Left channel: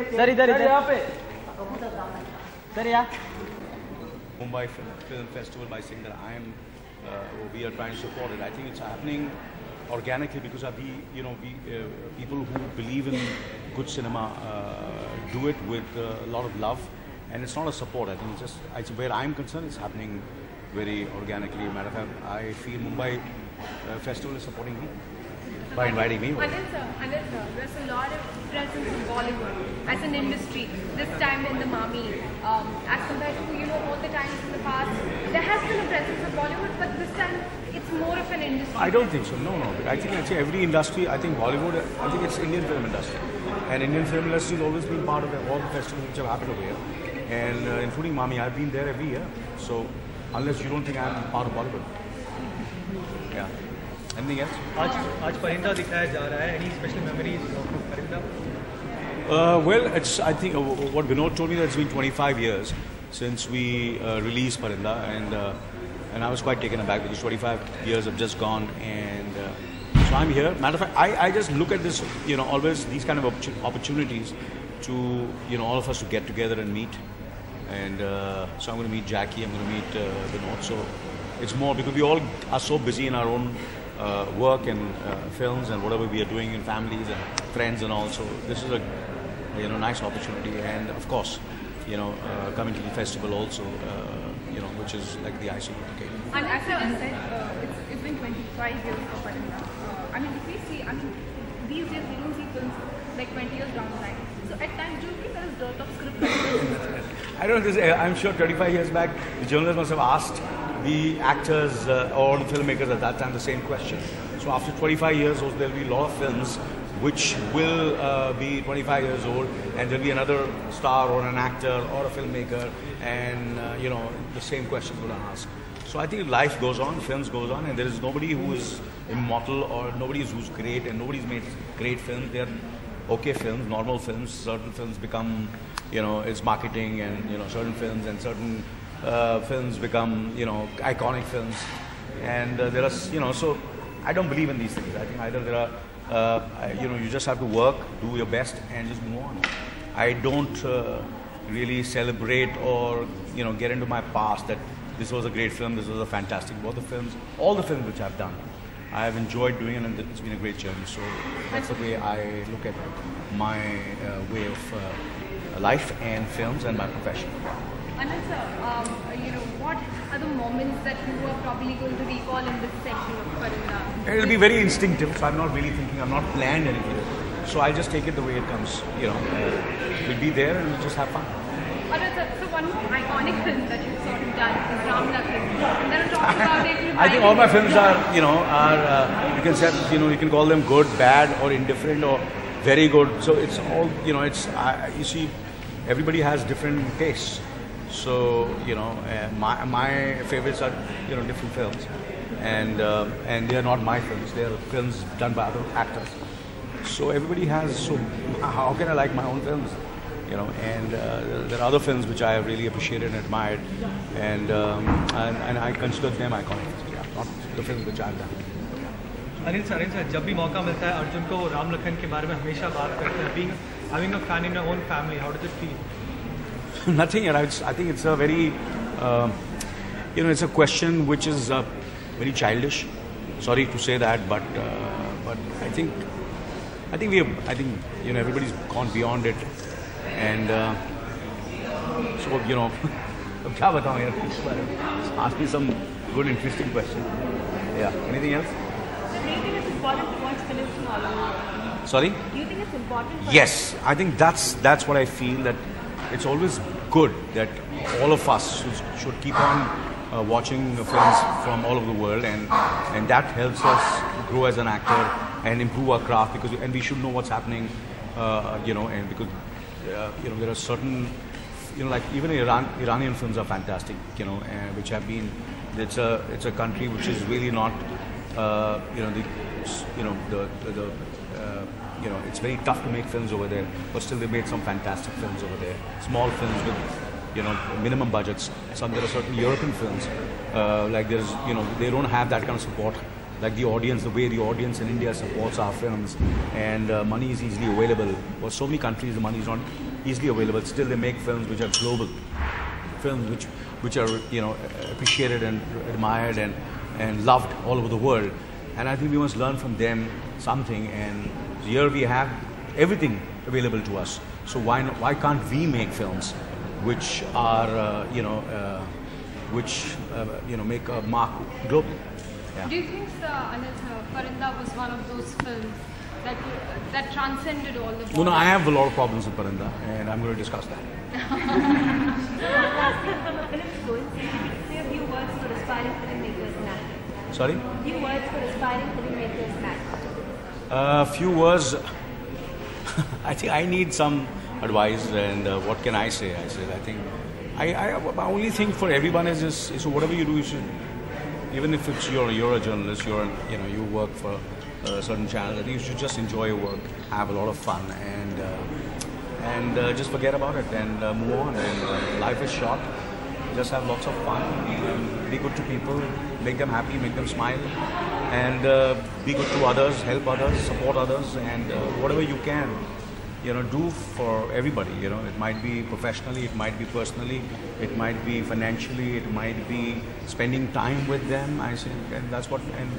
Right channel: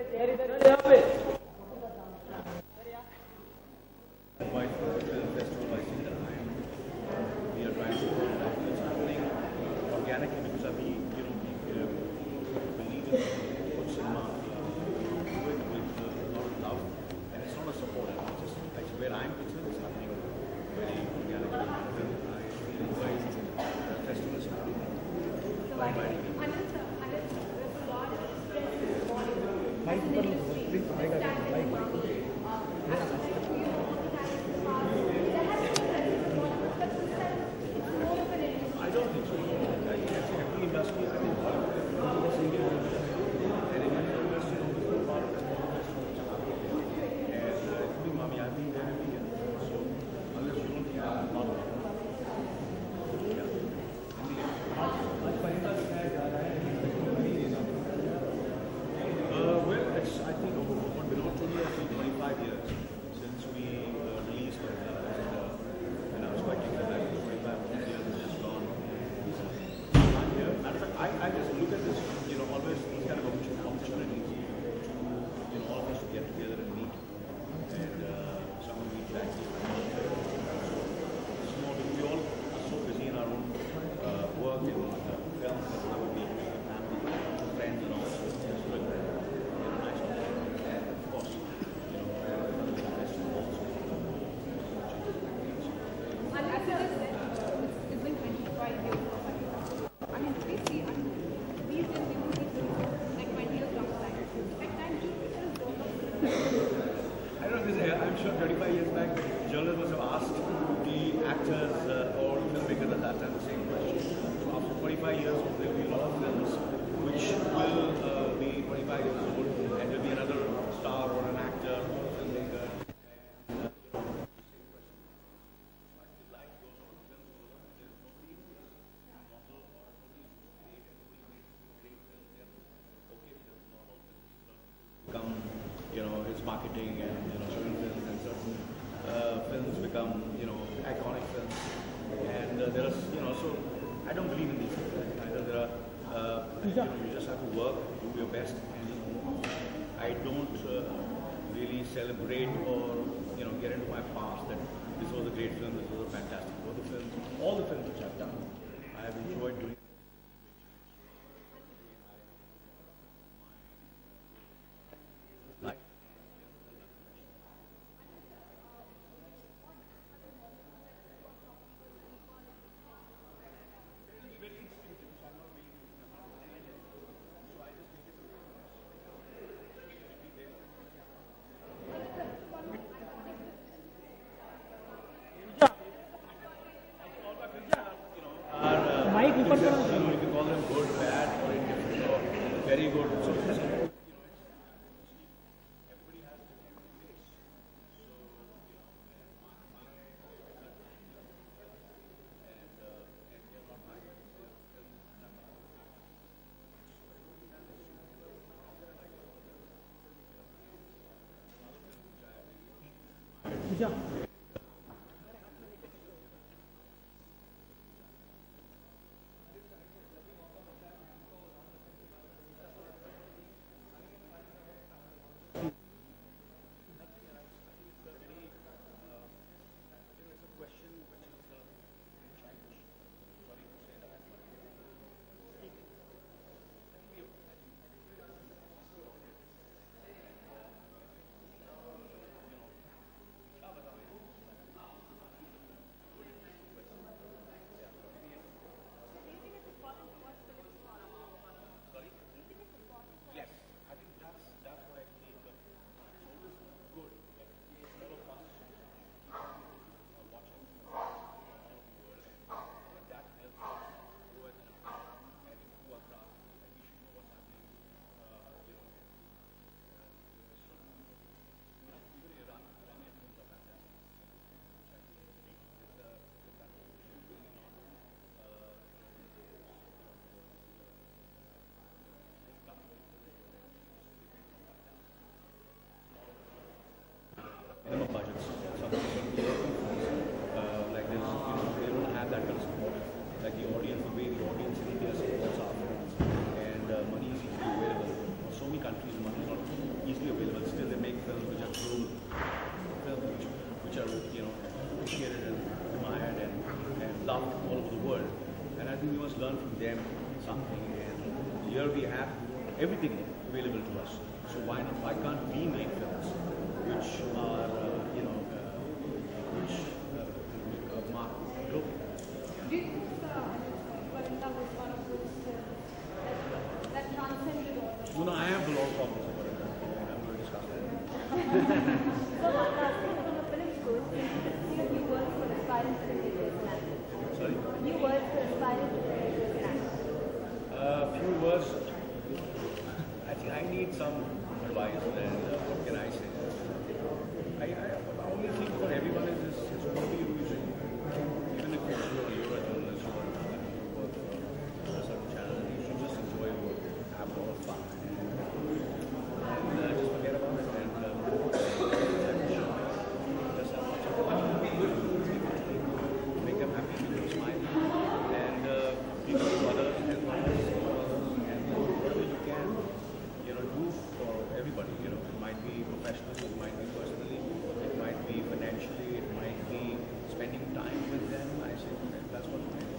Sir इधर यहाँ पे सर यहाँ Mumbai Film Festival by Singer. We are trying to support it. I think it's happening organically because of people who believe in good cinema do it with a lot of love, and it's not a support. I think it's where I'm concerned, it's happening very organically. Matter of fact, I feel Mumbai Festival is supporting me by inviting me. Anand sir, there's a lot of presence in Bollywood as an industry. This time in the Mami, as compared to all the times in the past, there has been a presence of Bollywood, but this time it's more of an industry. I don't think so. No. I think actually every industry. I think Bollywood. I think it's Indian film industry, and Indian film industry has always been part of all the festivals which have happened over here, and including Mami. I've been there every year. So unless you don't think I'm part of Bollywood, yeah. Anything else? आज परिंदा दिखाया जा रहा है. Any special memories of परिंदा? Well, I think what Vinod told me that it's been 25 years since we released Parinda, and I was quite taken aback because 25 years have just gone, and so I'm here. Matter of fact, I just look at this, always these kind of opportunities to, all of us to get together and meet, and so I'm going to meet Jackie, I'm going to meet Vinod, so it's more because we all are so busy in our own work and films and whatever we are doing in families and friends and all, so this is a nice opportunity, and of course, coming to the festival also, which is like the icing on the cake. And as I said, it's been 25 years of Parinda. I mean, if we see, these days we don't see films like 20 years down the line. So at times, do you think there is a lot of script writing? I don't know, I'm sure 25 years back, the journalists must have asked the actors or the filmmakers at that time the same question. So after 25 years, there will be a lot of films which will be 25 years old, and there'll be another star or an actor or a filmmaker, and the same question will ask. So I think life goes on, films goes on, and there is nobody who is immortal or nobody who's great, and nobody's made great films. They're okay films, normal films. Certain films become, it's marketing, and certain films and certain films become, iconic films, and there are, so I don't believe in these things. I think either there are. You just have to work, do your best, and just move on. I don't really celebrate or get into my past that this was a great film, this was a fantastic. All the films which I've done, I have enjoyed doing it, and it's been a great journey. So that's the way I look at my way of life and films and my profession. Anand sir, what are the moments that you are probably going to recall in this section of Parinda? It'll be very instinctive, so I'm not really thinking, I'm not planned anything. So I'll just take it the way it comes. We'll be there and we'll just have fun. Anand sir, so one more iconic film that you've sort of done is Ram Lakhan. There are talks about it. I think all my films are, you can say, you can call them good, bad, or indifferent, or very good. So it's all, you see, everybody has different tastes. So my favorites are different films, and they are not my films. They are films done by other actors. So everybody has. So how can I like my own films? And there are other films which I have really appreciated and admired, and I consider them iconic. Yeah, not the films which I've done. Anil sir जब भी मौका मिलता है अर्जुन को राम लखन के बारे में हमेशा बात करते हैं. Having a fan in your own family, how does it feel? Nothing. I think it's a very, it's a question which is very childish. Sorry to say that, but I think everybody's gone beyond it, and so क्या बताऊँ यार? Ask me some good, interesting question. Yeah. Anything else? So do you think it's important to watch films from all over? Sorry? Do you think it's important? Yes, I think that's what I feel, that it's always good that all of us should keep on watching films from all over the world, and that helps us grow as an actor and improve our craft, and we should know what's happening, and because there are certain, like even Iranian films are fantastic, which have been, it's a country which is really not, it's very tough to make films over there, but still they made some fantastic films over there. Small films with, minimum budgets. There are certain European films, like they don't have that kind of support, like the audience, the way the audience in India supports our films, and money is easily available. For so many countries, the money is not easily available. Still, they make films which are global, films which are appreciated and admired and loved all over the world. And I think we must learn from them something. And here we have everything available to us. So why can't we make films which are make a mark globally? Yeah. Do you think, Anil, Parinda was one of those films that transcended all the borders? No, I have a lot of problems with Parinda, and I'm going to discuss that. Sorry? Few words for aspiring filmmakers now. Few words. I think I need some advice, and what can I say? I think I only think for everyone is just, so whatever you do, you should, even if it's you're a journalist, you work for a certain channel, I think you should just enjoy your work, have a lot of fun, and just forget about it and move on. And life is short. Just have lots of fun. Be good to people. Make them happy. Make them smile. And be good to others. Help others. Support others. And whatever you can, do for everybody. It might be professionally. It might be personally. It might be financially. It might be spending time with them. I say, and that's what. And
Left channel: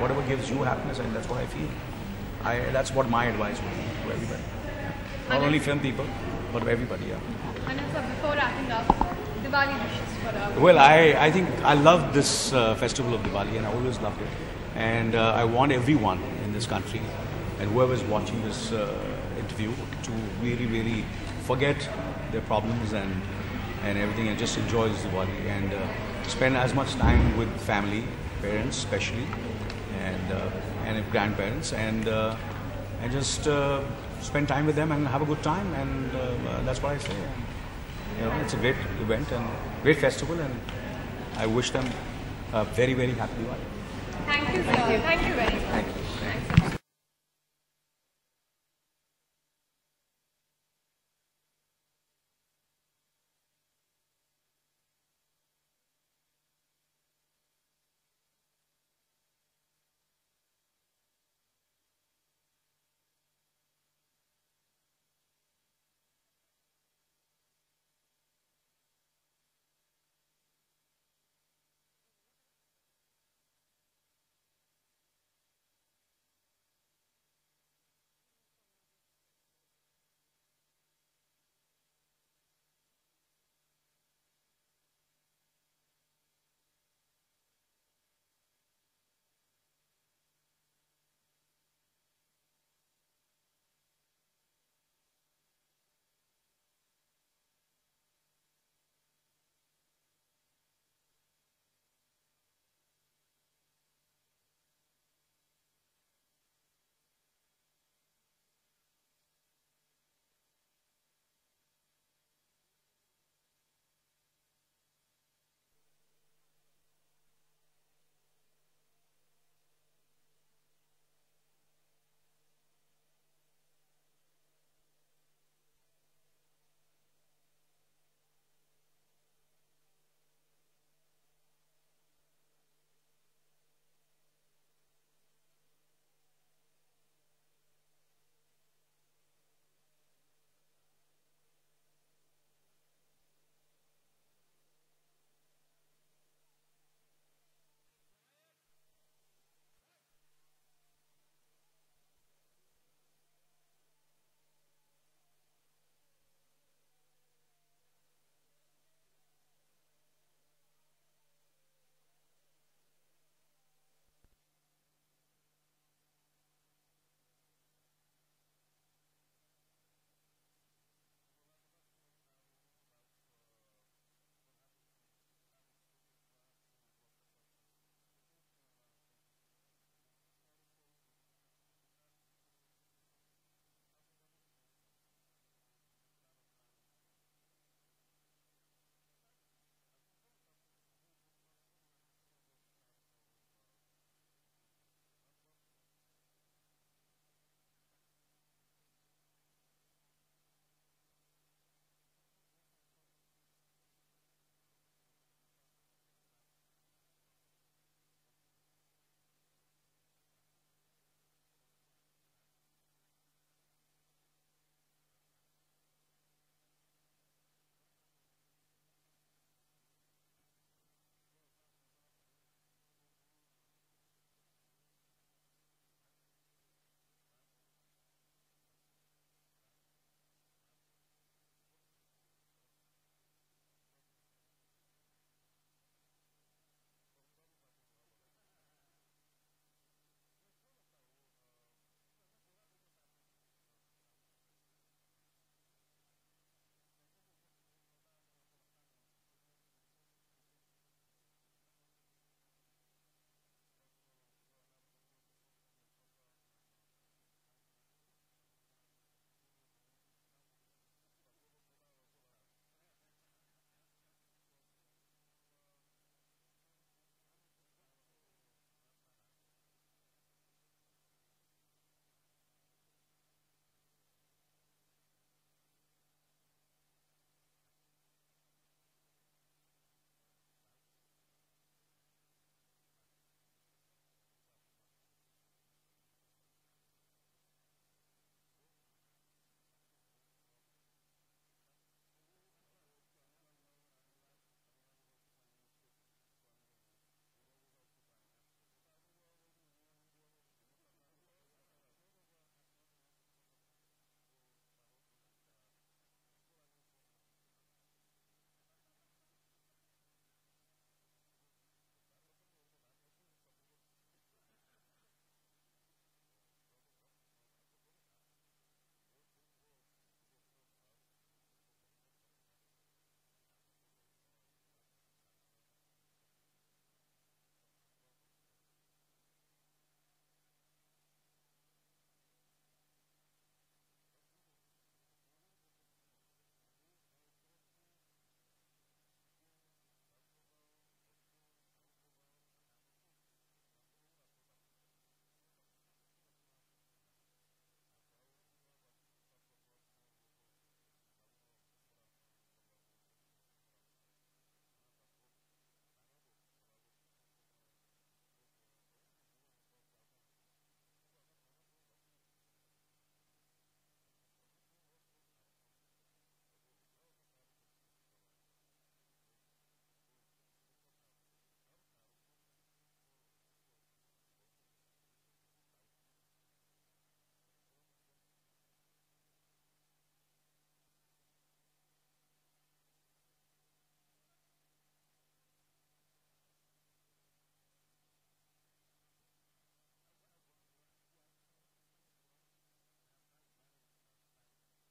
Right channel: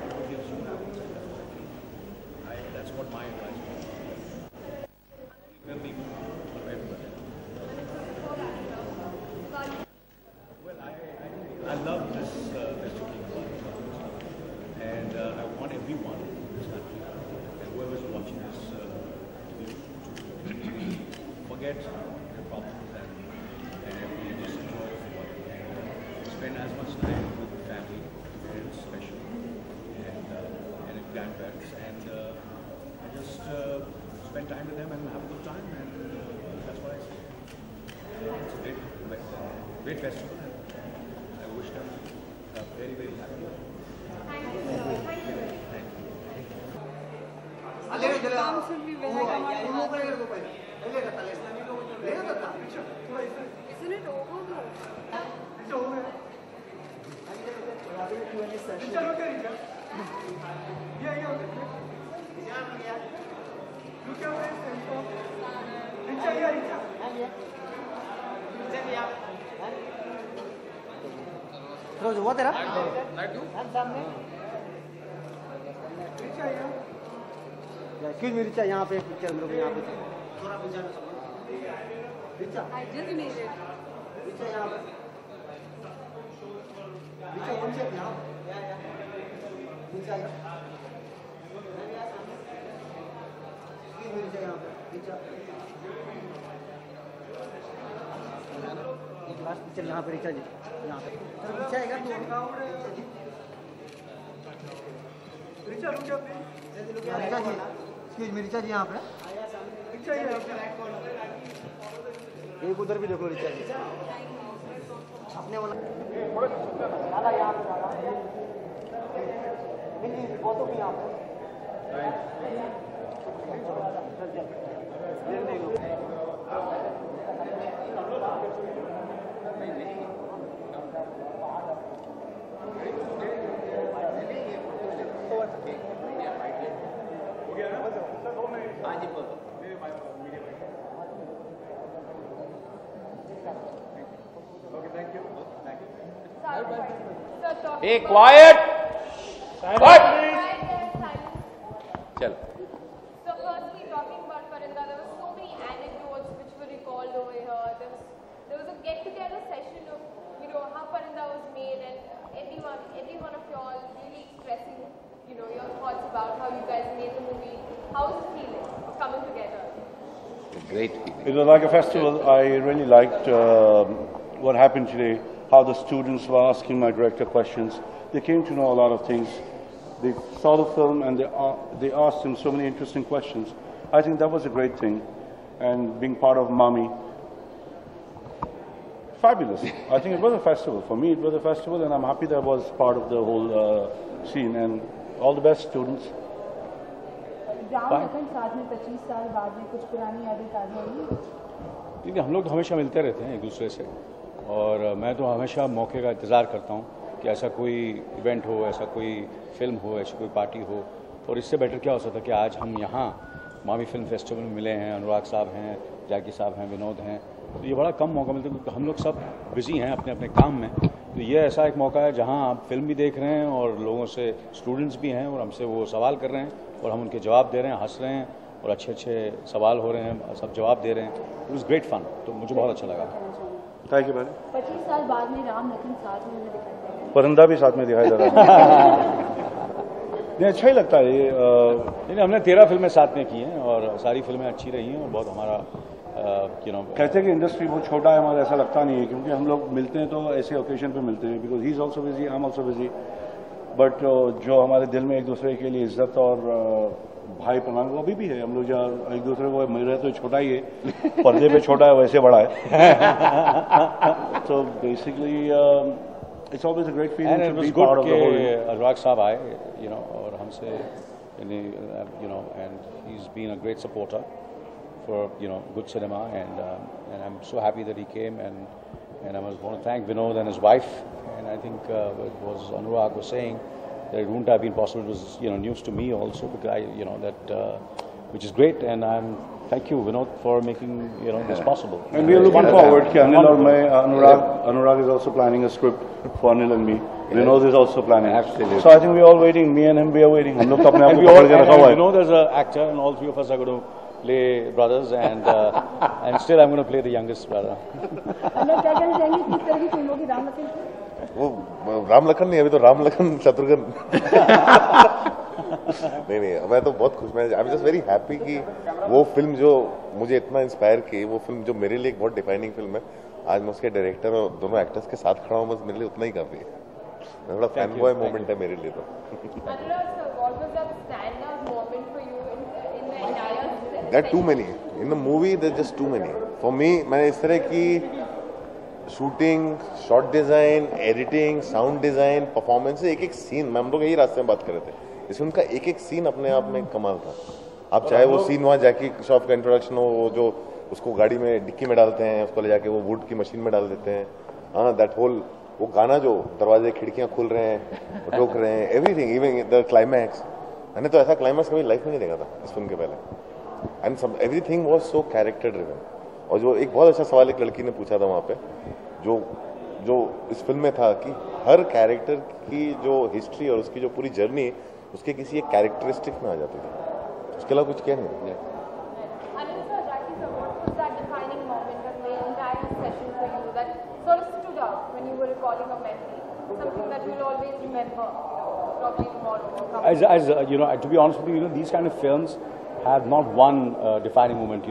whatever gives you happiness, and that's what I feel. That's what my advice would be to everybody. Not only film people, but everybody. Yeah. And so before wrapping up, Diwali wishes for our... Well, I think I love this festival of Diwali, and I always loved it. And I want everyone in this country and whoever's watching this interview to really, really forget their problems and everything, and just enjoy this Diwali and spend as much time with family, parents especially, and grandparents, and just spend time with them and have a good time, and that's what I say. It's a great event and great festival, and I wish them a very, very happy Diwali. Thank you, sir. Thank you very much. Thank you. Isn't it over? रोज हुआ तेरा क्यों मेरी चाय यहाँ पे picture हम लोग यहाँ पे I just made it. Last picture यहाँ पे रिचा जी यहाँ पे रिचा आएगा रिचा जी एक्सक्यूज मी रिचा जी यहाँ पे एक उधर भी देखो रिचा जी अपने वाला दादा यहाँ पे दादा फोटो भी यहाँ पे Hey, quiet! What? Chal. So firstly, talking about Parinda, there were so many anecdotes which were recalled over here. There was a get-together session of, how Parinda was made, and every one of y'all really expressing, your thoughts about how you guys made the movie. How was the feeling of coming together? A great feeling. It was like a festival. I really liked what happened today. How the students were asking my director questions. They came to know a lot of things. They saw the film and they asked him so many interesting questions. I think that was a great thing. And being part of Mami, fabulous. I think it was a festival. For me, it was a festival, and I'm happy that I was part of the whole scene. And all the best, students. देखिए हम लोग तो हमेशा मिलते रहते हैं एक दूसरे से, और मैं तो हमेशा मौके का इंतज़ार करता हूँ कि ऐसा कोई इवेंट हो, ऐसा कोई फिल्म हो, ऐसी कोई पार्टी हो, और इससे बेटर क्या हो सकता है कि आज हम यहाँ मामी फिल्म फेस्टिवल में मिले हैं, अनुराग साहब हैं, जैकी साहब हैं, विनोद हैं, तो ये बड़ा कम मौका मिलता है क्योंकि हम लोग सब बिजी हैं अपने अपने काम में। तो ये ऐसा एक मौका है जहाँ आप फिल्म भी देख रहे हैं और लोगों से स्टूडेंट्स भी हैं और हमसे वो सवाल कर रहे हैं और हम उनके जवाब दे रहे हैं, हंस रहे हैं और अच्छे अच्छे सवाल हो रहे हैं, सब जवाब दे रहे हैं। इट वॉज ग्रेट फन, तो मुझे बहुत अच्छा लगा। थैंक यू भाई। 25 साल बाद में राम लखन साथ में हमें दिखाई दे परिंदा भी साथ में दिखाई दे रहा है। नहीं, अच्छा ही लगता है ये। नहीं, हमने 13 फिल्में साथ में की हैं और सारी फिल्में अच्छी रही हैं और बहुत हमारा कहते हैं कि इंडस्ट्री बहुत छोटा है, हमारा ऐसा लगता नहीं है क्योंकि हम लोग मिलते हैं तो ऐसे ओकेजन पे मिलते हैं, because he is also busy, I am also busy, but जो हमारे दिल में एक दूसरे के लिए इज्जत और भाई प्रणाम वो अभी भी है। हम लोग जहाँ एक दूसरे को मिल रहे तो छोटा ही है, पर्दे पे छोटा है वैसे बड़ा है। तो basically it's always a great feeling to be part of the whole. Anurag साहब आए, और हमसे, and he is been a great supporter for good cinema, and I'm so happy that he came, and I want to thank Vinod and his wife, and I think it was Anurag was saying that it wouldn't have been possible. It was news to me also, because I that which is great, and thank you Vinod for making this possible. And we are looking forward कि Anil और मैं, Anurag is also planning a script for Anil and me. Vinod is also planning. Absolutely. So I think we are all waiting. Me and him, we are waiting. हम लोग तो अपने आप को पकड़ के रखा हुआ है. Vinod is an actor, and all three of us are going to play brothers, and still I'm going to play the youngest brother. अनुराग क्या कहना चाहेंगे किस तरह की फिल्मों की राम लखन की? वो राम लखन नहीं, अभी तो राम लखन शत्रुघ्न। नहीं, मैं तो बहुत खुश, मैं I am just very happy कि वो फिल्म जो मुझे इतना इंस्पायर की, वो फिल्म जो मेरे लिए एक बहुत डिफाइनिंग फिल्म है, आज मैं उसके डायरेक्टर और दोनों एक्टर्स के साथ खड़ा हूँ, बस मेरे लिए उतना ही काफी है। थोड़ा फैन बॉय मोमेंट है मेरे लिए तो। There are too many in the movie. There's just too many for me. मैंने इस तरह की shooting, shot design, editing, sound design, performance, एक एक सीन, हम लोग यही रास्ते में बात कर रहे थे, इस फिल्म का एक एक सीन अपने आप में कमाल था। आप चाहे वो सीन वहाँ जैकी श्रॉफ का इंट्रोडक्शन हो, वो जो उसको गाड़ी में डिक्की में डालते हैं, उसको ले जाके वो वुड की मशीन में डाल देते हैं, हाँ, दैट होल वो गाना जो दरवाजे खिड़कियाँ खुल रहे हैं, ठोक रहे हैं, एवरीथिंग, इवन द क्लाइमैक्स, मैंने तो ऐसा क्लाइमैक्स कभी लाइफ में नहीं देखा था इस फिल्म के पहले। एंड सब everything was so character driven. और जो एक बहुत अच्छा सवाल एक लड़की ने पूछा था वहाँ पे, जो इस फिल्म में था कि हर कैरेक्टर की जो हिस्ट्री और उसकी जो पूरी जर्नी उसके किसी एक कैरेक्टरिस्टिक में आ जाती थी, उसके अलावा कुछ क्या नहीं। As to be honest with you, these kind of films have not one defining moment.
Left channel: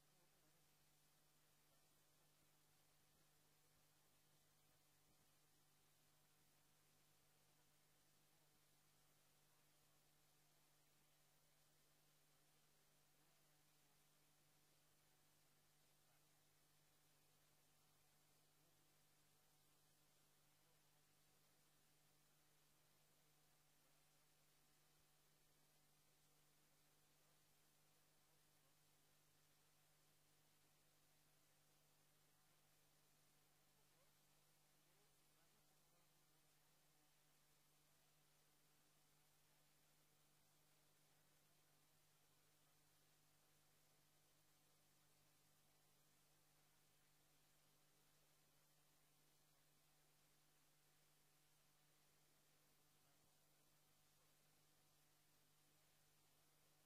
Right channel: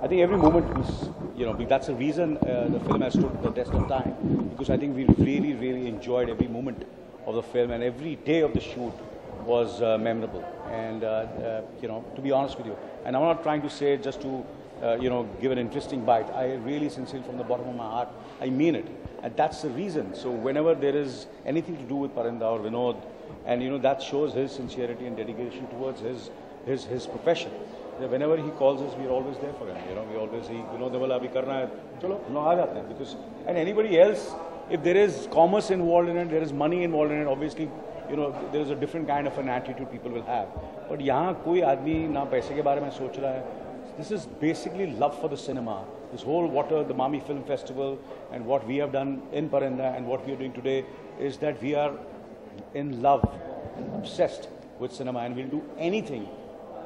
I think every moment is, that's the reason the film has stood the test of time, because I think we really, really enjoyed every moment of the film, and every day of the shoot was memorable. And to be honest with you, and I'm not trying to say it just to give an interesting bite. I really, sincerely, from the bottom of my heart, I mean it, and that's the reason. So whenever there is anything to do with Parinda or Vinod, and that shows his sincerity and dedication towards his profession. Whenever he calls us, we are always there for him. We always Vinod abhi karna hai, chalo hum log aa jate hain, because and anybody else, if there is commerce involved in it, there is money involved in it, obviously there is a different kind of an attitude people will have. But यहाँ कोई आदमी ना पैसे के बारे में सोच रहा है. This is basically love for the cinema. This whole the Mami Film Festival, and what we have done in Parinda and what we are doing today is that we are in love, obsessed with cinema, and we'll do anything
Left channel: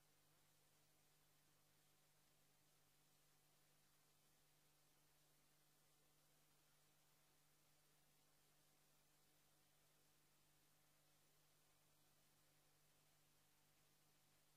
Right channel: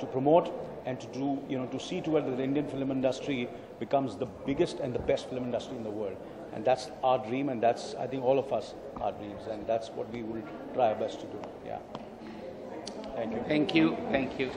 to promote and to do, to see to it that the Indian film industry becomes the biggest and the best film industry in the world. And that's our dream, and that's, I think, all of us, our dreams, and that's what we will try our best to do. Yeah. Thank you. Thank you. Thank you.